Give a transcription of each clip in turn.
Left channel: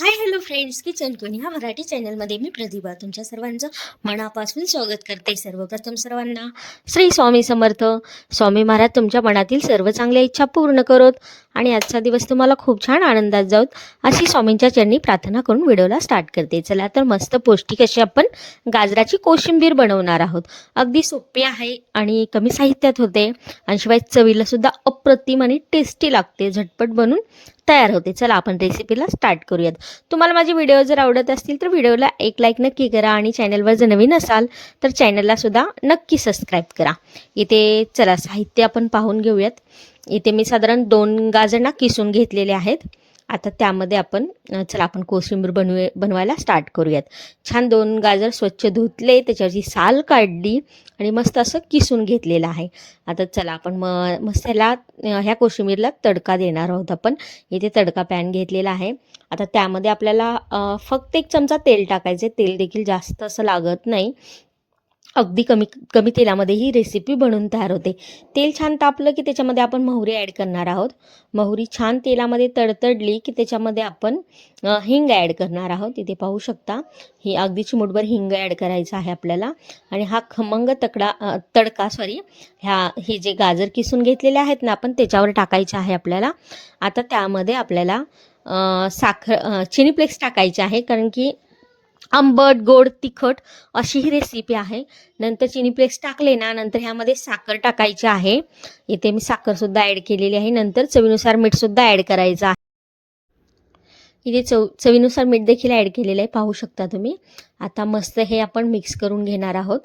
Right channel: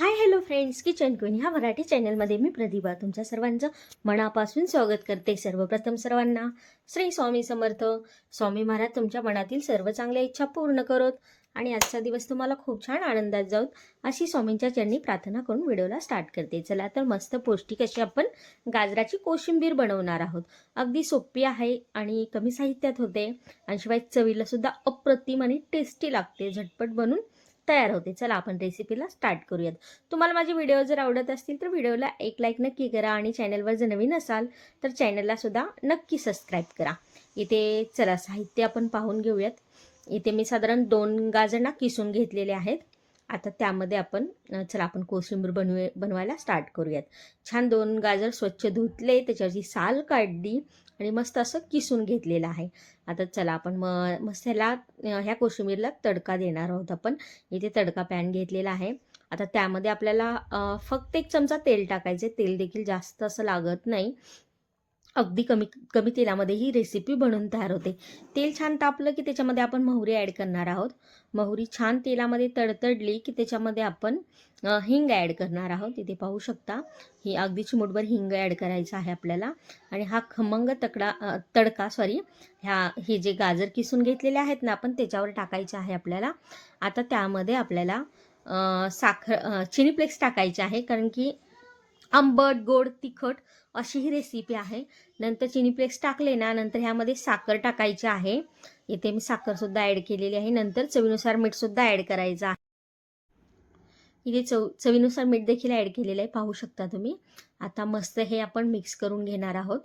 Hi hello friends kitchen queen ह्या मराठी चॅनलमध्ये मी प्रतिभा तुमच्या सर्वांचं मनापासून स्वागत करते सर्वप्रथम सर्वांना. श्री स्वामी समर्थ. स्वामी महाराज तुमच्या मनातील सर्व चांगल्या इच्छा पूर्ण करोत. आणि आजचा दिवस तुम्हाला खूप छान आनंदात जाऊत अशी स्वामींच्या चरणी प्रार्थना करून व्हिडिओला स्टार्ट करते. चला तर मस्त पौष्टिक अशी आपण गाजराची कोशिंबीर बनवणार आहोत. अगदी सोपी आहे आणि कमी साहित्यात होते. आणि शिवाय चवीला सुद्धा अप्रतिम आणि टेस्टी लागते. झटपट बनून तयार होते. चला आपण रेसिपीला स्टार्ट करूयात. तुम्हाला माझे व्हिडिओ जर आवडत असतील तर व्हिडिओला एक लाईक नक्की करा आणि चॅनलवर जर नवीन असाल तर चॅनलला सुद्धा नक्की सबस्क्राईब करा. इथे चला साहित्य आपण पाहून घेऊयात. इथे मी साधारण दोन गाजर ना किसून घेतलेले आहेत. आता त्यामध्ये आपण चला आपण कोशिंबीर बनवू बनवायला स्टार्ट करूयात. छान दोन गाजर स्वच्छ धुतले त्याच्यावरची साल काढली आणि मस्त असं किसून घेतलेलं आहे. आता चला आपण म मस्त ह्याला ह्या कोशिंबीरला तडका देणार आहोत आपण. इथे तडका पॅन घेतलेला आहे. आता त्यामध्ये आपल्याला फक्त एक चमचा तेल टाकायचं तेल देखील जास्त असं लागत नाही. अगदी कमी कमी तेलामध्ये ही रेसिपी बनवून तयार होते. तेल छान तापलं की त्याच्यामध्ये आपण मोहरी ॲड करणार आहोत. मोहरी छान तेलामध्ये तडतडली की त्याच्यामध्ये आपण हिंग ॲड करणार आहोत. इथे पाहू शकता ही अगदी चिमुटभर हिंग ॲड करायचं आहे आपल्याला. आणि हा खमंग तकडा तडका सॉरी ह्या हे जे गाजर किसून घेतलेले आहेत ना आपण त्याच्यावर टाकायचे आहे आपल्याला. आता त्यामध्ये आपल्याला साखर चिनी फ्लेक्स टाकायचे आहे. कारण की आंबट गोड तिखट अशी ही रेसिपी आहे. नंतर चिनी फ्लेक्स टाकले ना नंतर ह्यामध्ये साखर टाकायची आहे. इथे मी साखरसुद्धा ॲड केलेली आहे. नंतर चवीनुसार मीठसुद्धा ॲड करायचं आहे. इथे चव चवीनुसार मीठ देखील ॲड केलेलं आहे. पाहू शकता तुम्ही. आता मस्त हे आपण मिक्स करून घेणार आहोत.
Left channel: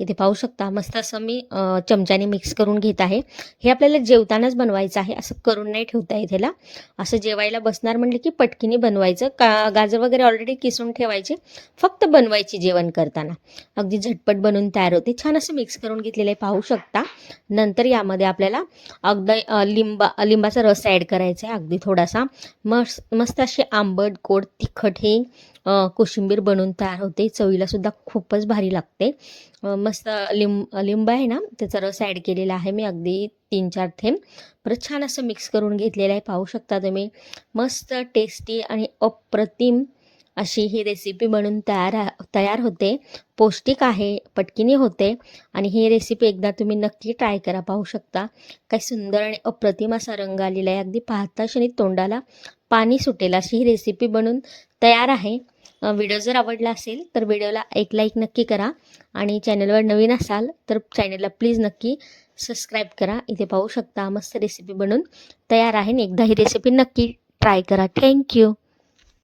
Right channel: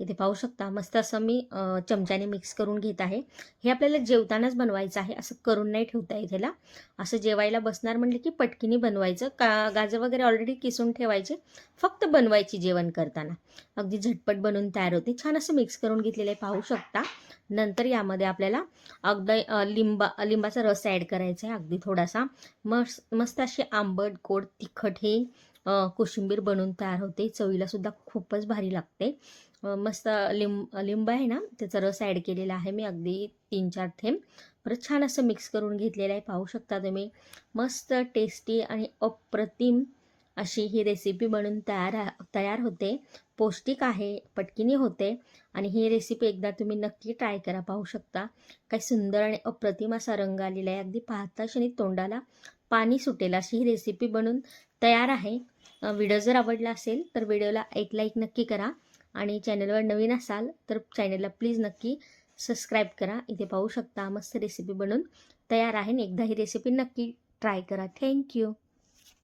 इथे पाहू शकता मस्त असं मी चमच्याने मिक्स करून घेत आहे. हे आपल्याला जेवतानाच बनवायचं आहे असं करून नाही ठेवता इथेला असं जेवायला बसणार म्हटलं की पटकीने बनवायचं. का गाजर वगैरे ऑलरेडी किसून ठेवायचे फक्त बनवायची जेवण करताना. अगदी झटपट बनवून तयार होते. छान असं मिक्स करून घेतलेलं आहे पाहू शकता. नंतर यामध्ये आपल्याला अगदी लिंबा लिंबाचा रस ॲड करायचा आहे. अगदी थोडासा मस्त मस्त असे आंबट गोड तिखट हे कोशिंबीर बनवून तयार होते. चवीला सुद्धा खूपच भारी लागते. मस्त लिंब लिंब आहे ना त्याचा रस ॲड केलेला आहे मी अगदी तीन चार थेंब. परत छान असं मिक्स करून घेतलेलं आहे पाहू शकता तुम्ही. मस्त टेस्टी आणि अप्रतिम अशी ही रेसिपी बनून तयार तयार होते. पौष्टिक आहे पटकीने होते आणि ही रेसिपी एकदा तुम्ही नक्की ट्राय करा पाहू शकता. काय सुंदर आणि अप्रतिम असा रंग आलेला आहे. अगदी पाहता क्षणी तोंडाला पाणी सुटेल अशी ही रेसिपी बनून तयार आहे. व्हिडिओ जर आवडला असेल तर व्हिडिओला एक लाईक नक्की करा. आणि चॅनलवर नवीन असाल तर चॅनलला प्लीज नक्की सबस्क्राईब करा. इथे पाहू शकता मस्त रेसिपी बनून तयार आहे आणि एकदा ही रेसिपी नक्की ट्राय करा. Thank you